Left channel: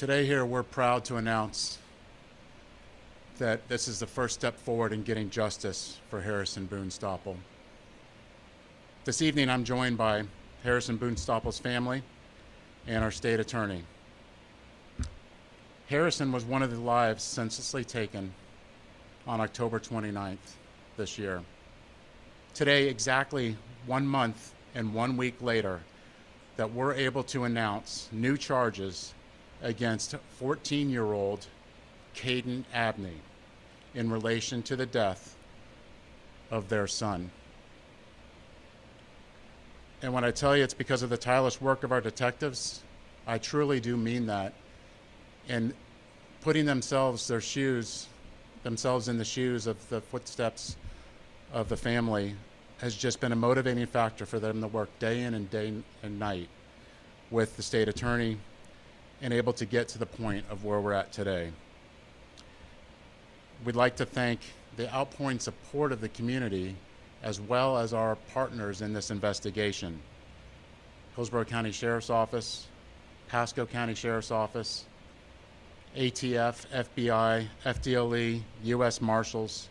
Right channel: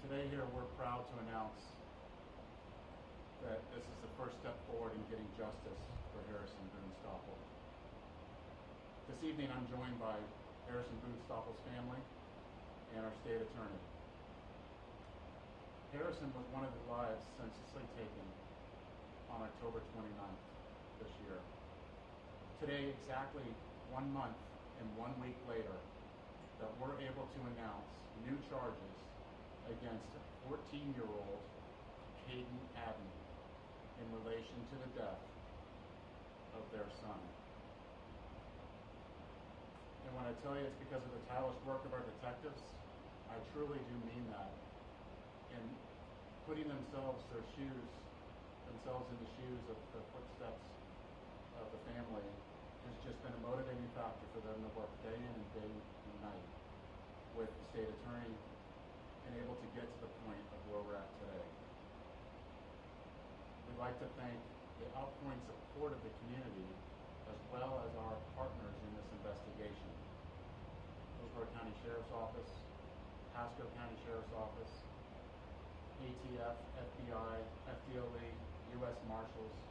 Today here, we're proud to announce that this is the first step forward in getting justice for Harrison Boonstoppel. This evening, I'm joined by Harrison Boonstoppel's family and our state attorney. Harrison was one of the lives senselessly taken on October 29th this year. Today, exactly 1 month and 1 week later, that we're able to announce new charges against 14-year-old Caden Abney in relation to the death of their son. And when I tell you it's because of the tireless work of our detectives, I truly do mean that. And putting themselves in the shoes of the footsteps of the family has just been a motivating factor for them to work day in and day and night with the state attorney and able to get to the point of where we're at today. We'd like to thank the outpouring support of the community as well as our partners in this investigation. Hillsborough County Sheriff's Office, Pasco County Sheriff's Office, ATF, FBI, FDLE, U.S. Marshals,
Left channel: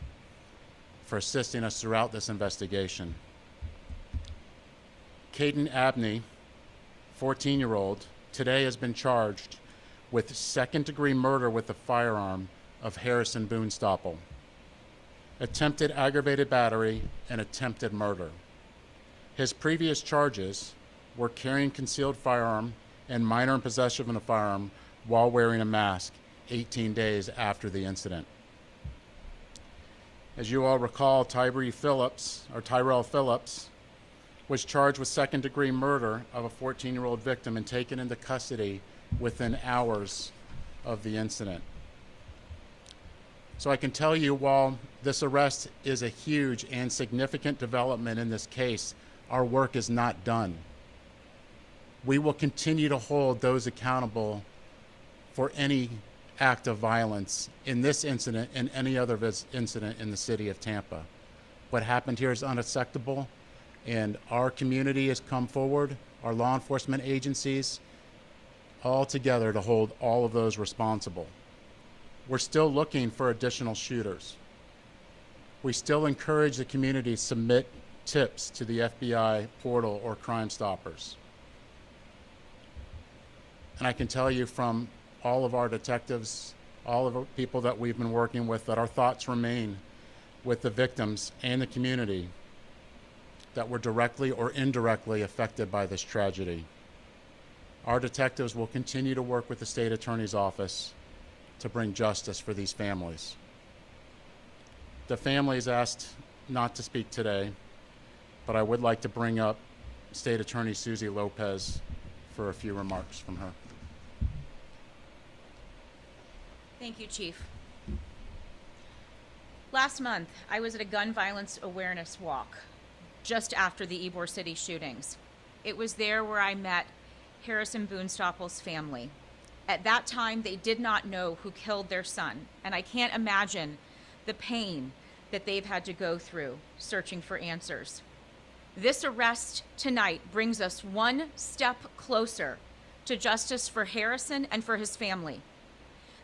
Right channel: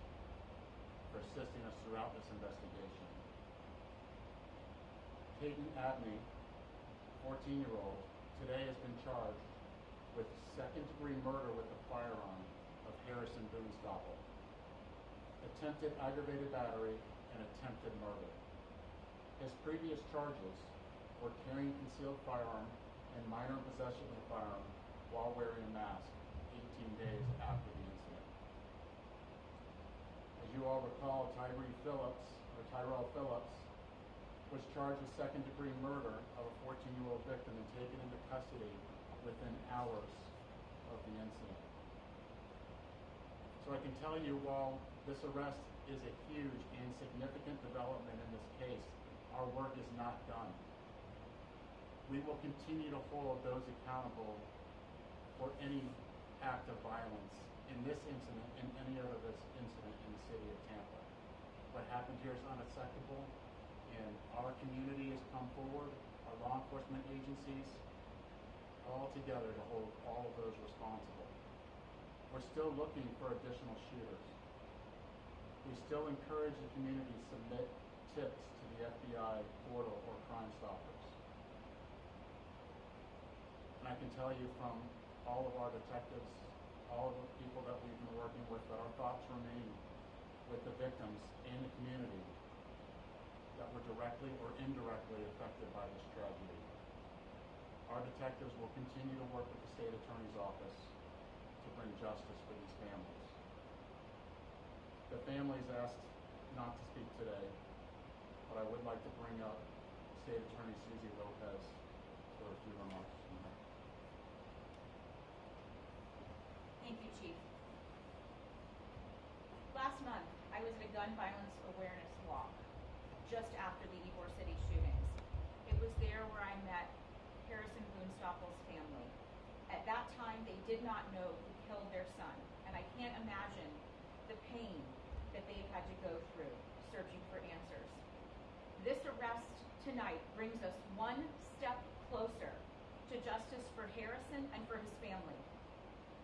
for assisting us throughout this investigation. Caden Abney, 14-year-old, today has been charged with second-degree murder with a firearm of Harrison Boonstoppel, attempted aggravated battery, and attempted murder. His previous charges were carrying concealed firearm and minor in possession of a firearm while wearing a mask 18 days after the incident. As you all recall, Tyrell Phillips was charged with second-degree murder of a 14-year-old victim and taken into custody within hours of the incident. So I can tell you, while this arrest is a huge and significant development in this case, our work is not done. We will continue to hold those accountable for any act of violence in this incident and any other incident in the city of Tampa. What happened here is unacceptable, and our community has come forward, our law enforcement agencies, all together to hold all of those responsible. We're still looking for additional shooters. We still encourage the community to submit tips to the FBI portal or Crime Stoppers. And I can tell you from all of our detectives, all of the people that we've been working with, that our thoughts remain with the victims and the community that were directly or indirectly affected by this tragedy. Our detectives will continue to work with the state attorney's office to bring justice for these families. The families asked not to speak today, but I would like to bring up State Attorney Suzy Lopez for a few remarks from her. Thank you, Chief. Last month, I was at a gun violence awareness walk just after the Ybor City shootings. It was there where I met Harrison Boonstoppel's family. At that time, they did not know who killed their son, and I can't imagine the pain that they've had to go through searching for answers. This arrest tonight brings us one step closer to justice for Harrison and for his family.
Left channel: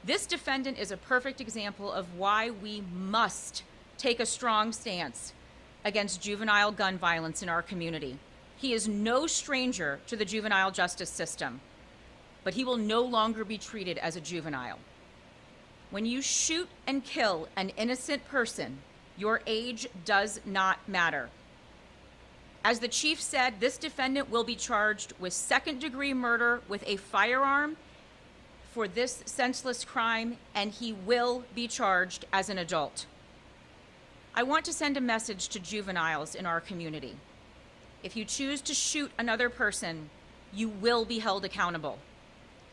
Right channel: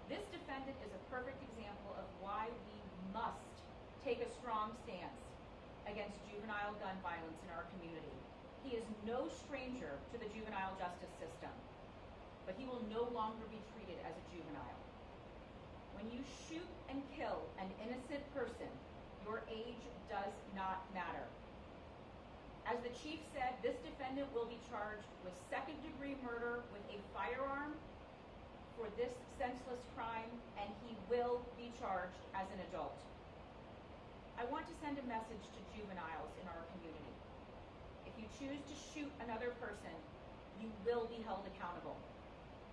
This defendant is a perfect example of why we must take a strong stance against juvenile gun violence in our community. He is no stranger to the juvenile justice system, but he will no longer be treated as a juvenile. When you shoot and kill an innocent person, your age does not matter. As the chief said, this defendant will be charged with second-degree murder with a firearm for this senseless crime, and he will be charged as an adult. I want to send a message to juveniles in our community. If you choose to shoot another person, you will be held accountable.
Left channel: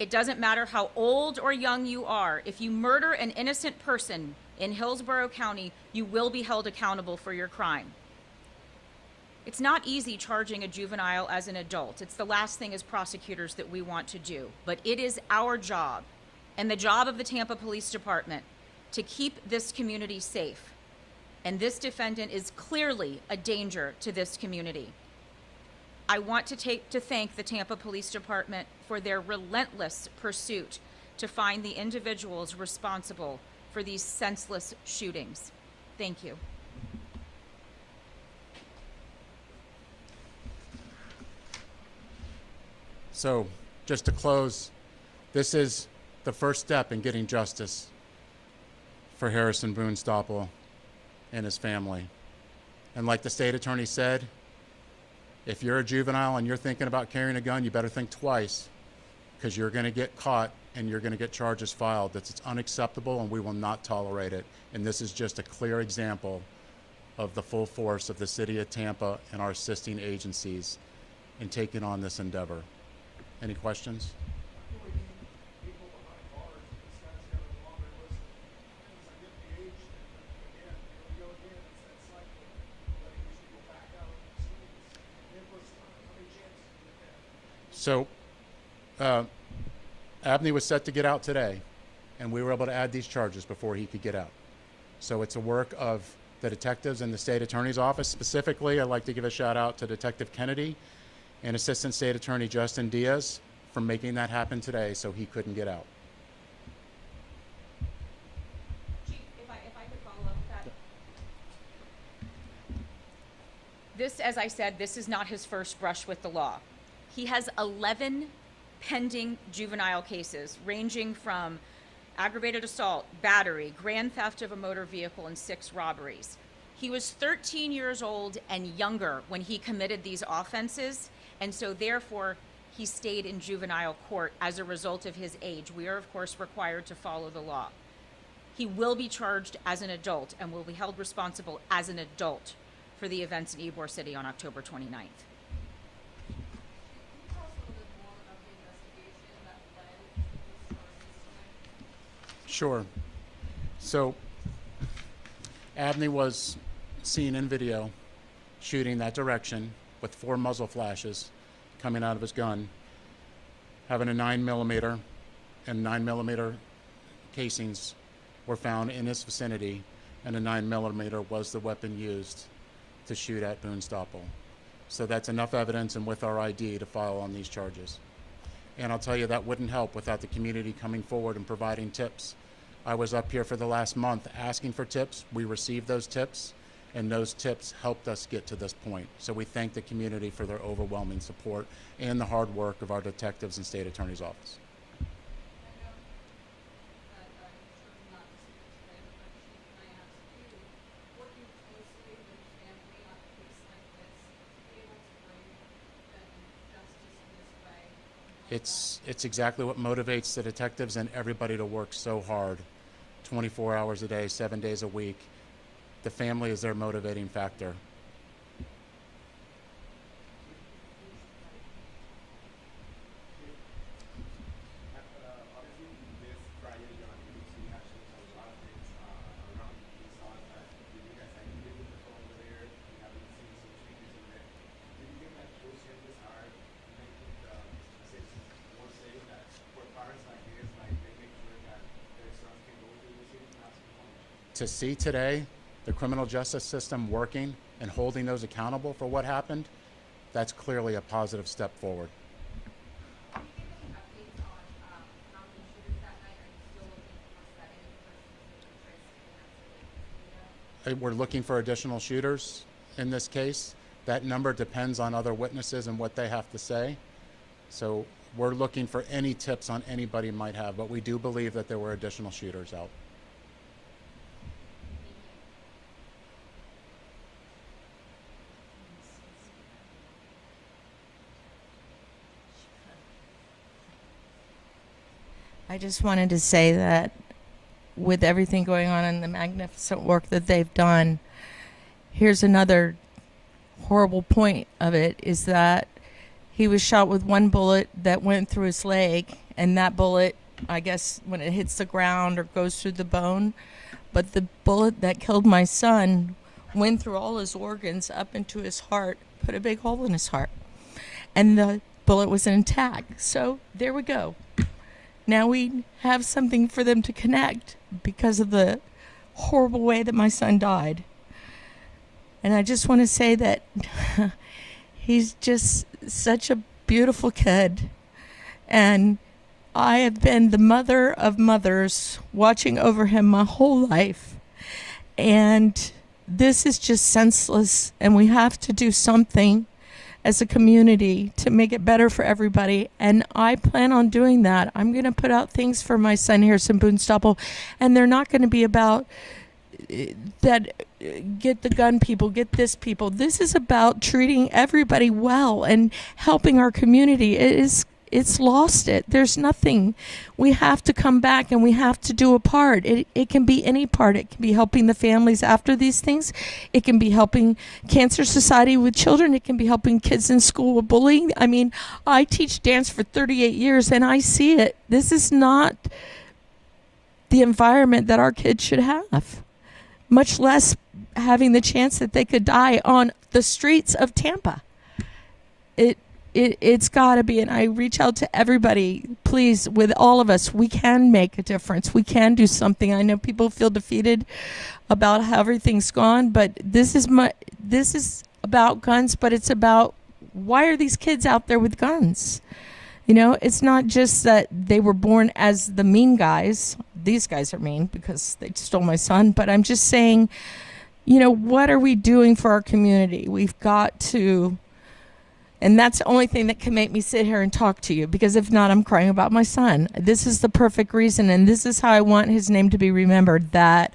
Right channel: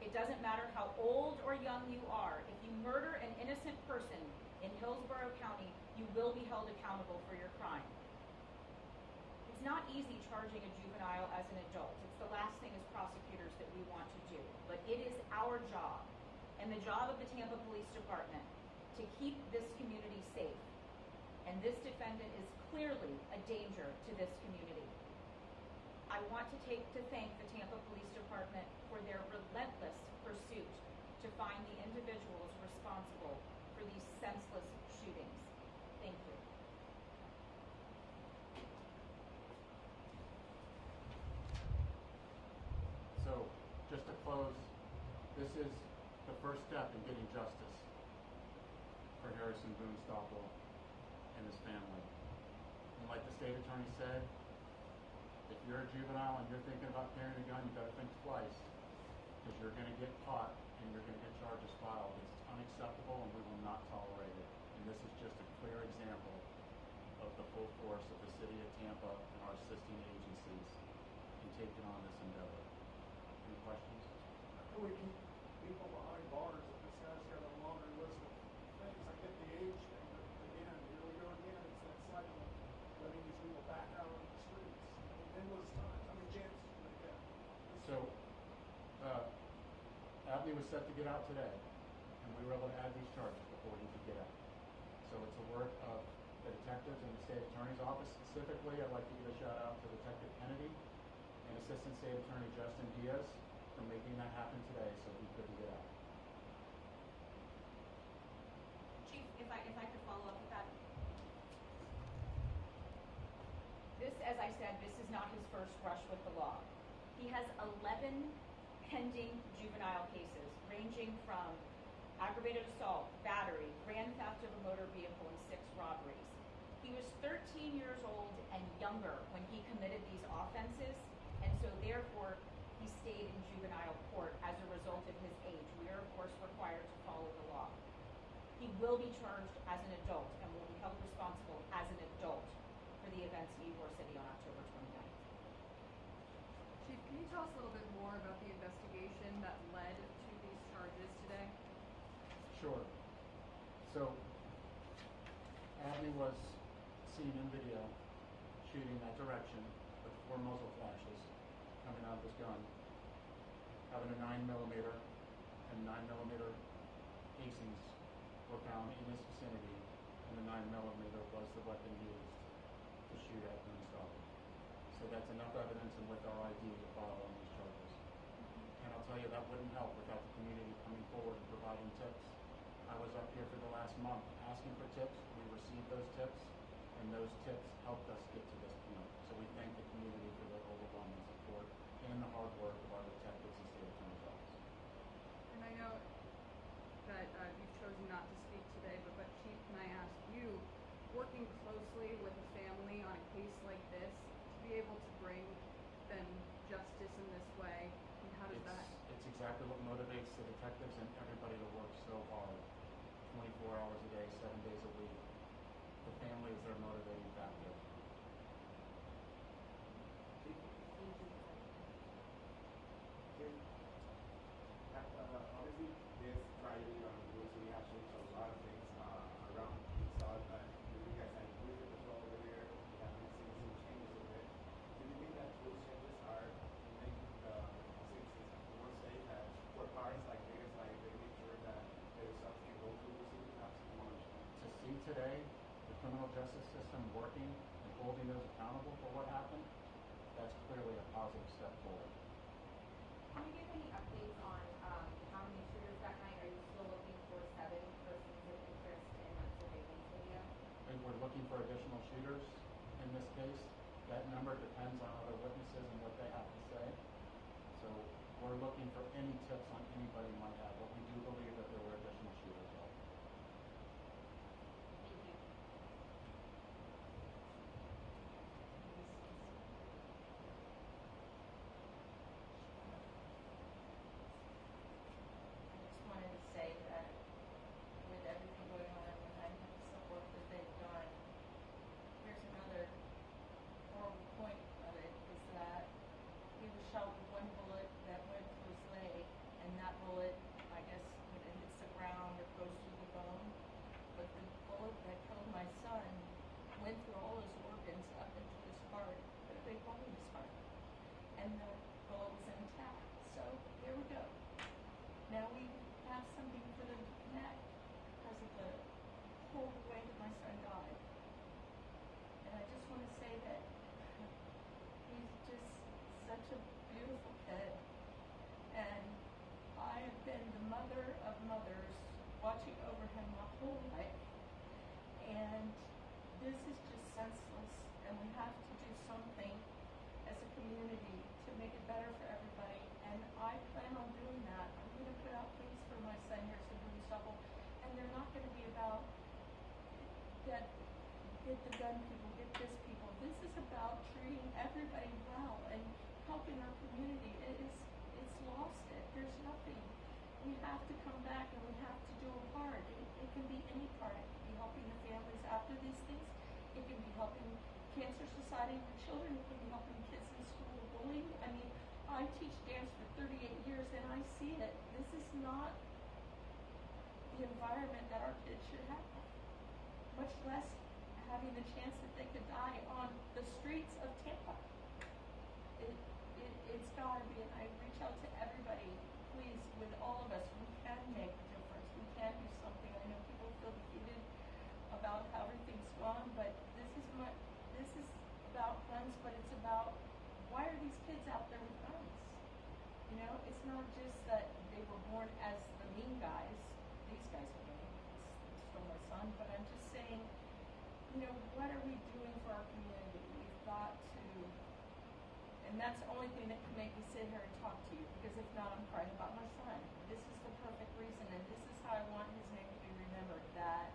It doesn't matter how old or young you are. If you murder an innocent person in Hillsborough County, you will be held accountable for your crime. It's not easy charging a juvenile as an adult. It's the last thing as prosecutors that we want to do. But it is our job and the job of the Tampa Police Department to keep this community safe. And this defendant is clearly a danger to this community. I want to thank the Tampa Police Department for their relentless pursuit to find the individuals responsible for these senseless shootings. Thank you. So, just to close, this is the first step in getting justice for Harrison Boonstoppel and his family. And like the state attorney said, if you're a juvenile and you're thinking about carrying a gun, you better think twice, because you're going to get caught and you're going to get charges filed. It's unacceptable, and we will not tolerate it. And this is just a clear example of the full force of the city of Tampa and our assisting agencies in taking on this endeavor. Any questions? We need people behind bars if this guy's got a longer list of things. I get the age thing, but again, here we go again. It's that cycle, letting these people back out on the streets. Endless time. How many chances do you get? So, Abney was set to get out today, and we were able to add these charges before he could get out. So it's a work of the detectives in the state attorney's office. Specifically, I'd like to give a shout out to Detective Kennedy and Assistant State Attorney Justin Diaz for making that happen today so he couldn't get out. Chief, if I could follow up with that. This, as I said, this is not his first brush with the law. He has 11 pending juvenile cases, ranging from aggravated assault, battery, grand theft of a motor vehicle, and 6 robberies. He was 13 years old and younger when he committed these offenses, and so therefore he stayed in juvenile court as a result of his age. We are, of course, required to follow the law. He will be charged as an adult and will be held responsible as an adult for the events in Ybor City on October 29th. Can you tell us a little bit more about the investigation that led to these charges today? Sure. So, Abney was seen in video shooting that direction with 4 muzzle flashes coming out of his gun, having a 9mm and 9mm casings were found in his vicinity, and a 9mm was the weapon used to shoot at Boonstoppel. So that's enough evidence, and with our ID, to file on these charges. And I'll tell you, that wouldn't help without the community coming forward and providing tips. I was up here for the last month asking for tips. We received those tips, and those tips helped us get to this point. So we thank the community for their overwhelming support and the hard work of our detectives and state attorney's office. And I know that you chose not to speak today, but Chief, can I ask you, working closely with the family on a case like this, to be able to bring them justice in this way? It's exactly what motivates the detectives and everybody to work so hard, 24 hours a day, 7 days a week. The family is their motivating factor. Obviously, this tragedy on the city has shown a lot of things around. We saw that you guys had completed the patrol over there. We have been seeing some changes over there. Do you think that those changes are make the citizens more safe, that for parents like this, like they make sure that their sons can go through the city not so much? To see today the criminal justice system working and holding those accountable for what happened, that's clearly a positive step forward. Can you give any updates on how many shooters that night? Are you still looking for 7 versus interest in that video? We're looking for additional shooters in this case. That number depends on other witnesses and what they have to say. So we're looking for any tips on anybody might have, but we do believe that there were additional shooters out. I just wanted to say that with everything going on and the magnificent work that they've done, here's another horrible point of it, is that he was shot with 1 bullet that went through his leg, and that bullet, I guess, when it hits the ground or goes through the bone, but the bullet that killed my son went through all his organs up into his heart, put a big hole in his heart, and the bullet was intact. So there we go. Now we have something for them to connect because of the horrible way that my son died. And I just want to say that he's just such a beautiful kid. And I have been the mother of mothers, watching over him my whole life. And this is just senseless, and we have to do something as a community to make it better for everybody. And I plan on doing that. I'm going to put out things for my son, Harrison Boonstoppel, and they're not going to be about that get the gun people, get this people. This is about treating everybody well and helping our community. It's lost it. There's nothing. We have to come back and we have to do a part. It can be any part. It can be helping the families after these things. It can be helping Cancer Society with children. It can be helping kids in school with bullying. I mean, I teach dance for 38 years and I see it. This is not the environment that our kids should have, much less having the chance that they could die on the streets of Tampa. It's got to be, and I reach out to everybody, please, with all of us, we can make a difference. We can do something. I know people feel defeated about how everything's gone, but this is about guns, but it's about why are these kids out there with guns? You know, it's not just that they were born as the mean guys. These guys are mean because they stole my son, but I'm just saying, you know, what are we doing for our community? We've got to. And that's the only thing that can make me sit here and talk to you, because if not, I'm crying about my son. This is the perfect reason, and this is how I want his name to be remembered, that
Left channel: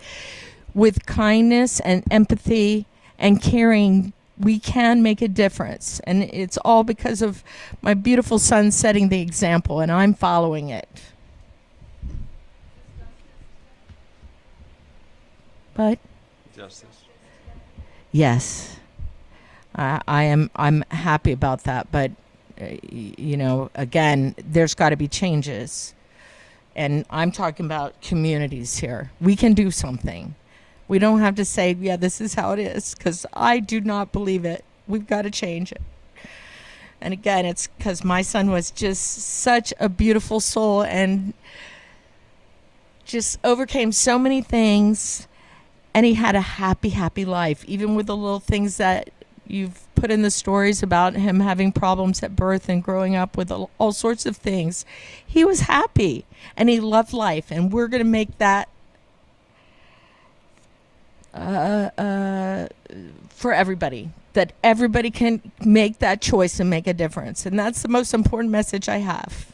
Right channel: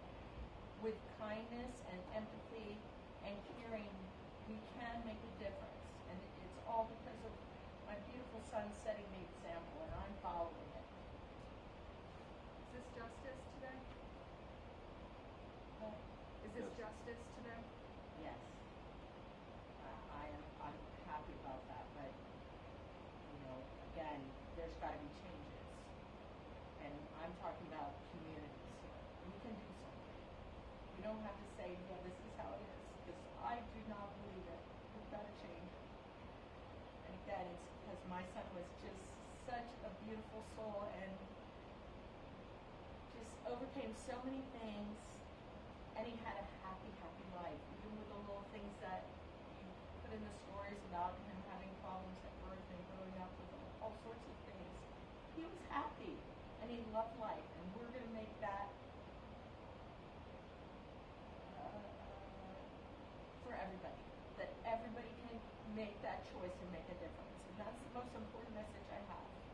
with kindness and empathy and caring, we can make a difference. And it's all because of my beautiful son setting the example, and I'm following it. But yes. I'm happy about that, but you know, again, there's got to be changes, and I'm talking about communities here. We can do something. We don't have to say, yeah, this is how it is, because I do not believe it. We've got to change it. And again, it's because my son was just such a beautiful soul and just overcame so many things, and he had a happy, happy life, even with the little things that you've put in the stories about him having problems at birth and growing up with all sorts of things. He was happy and he loved life, and we're going to make that for everybody, that everybody can make that choice and make a difference. And that's the most important message I have.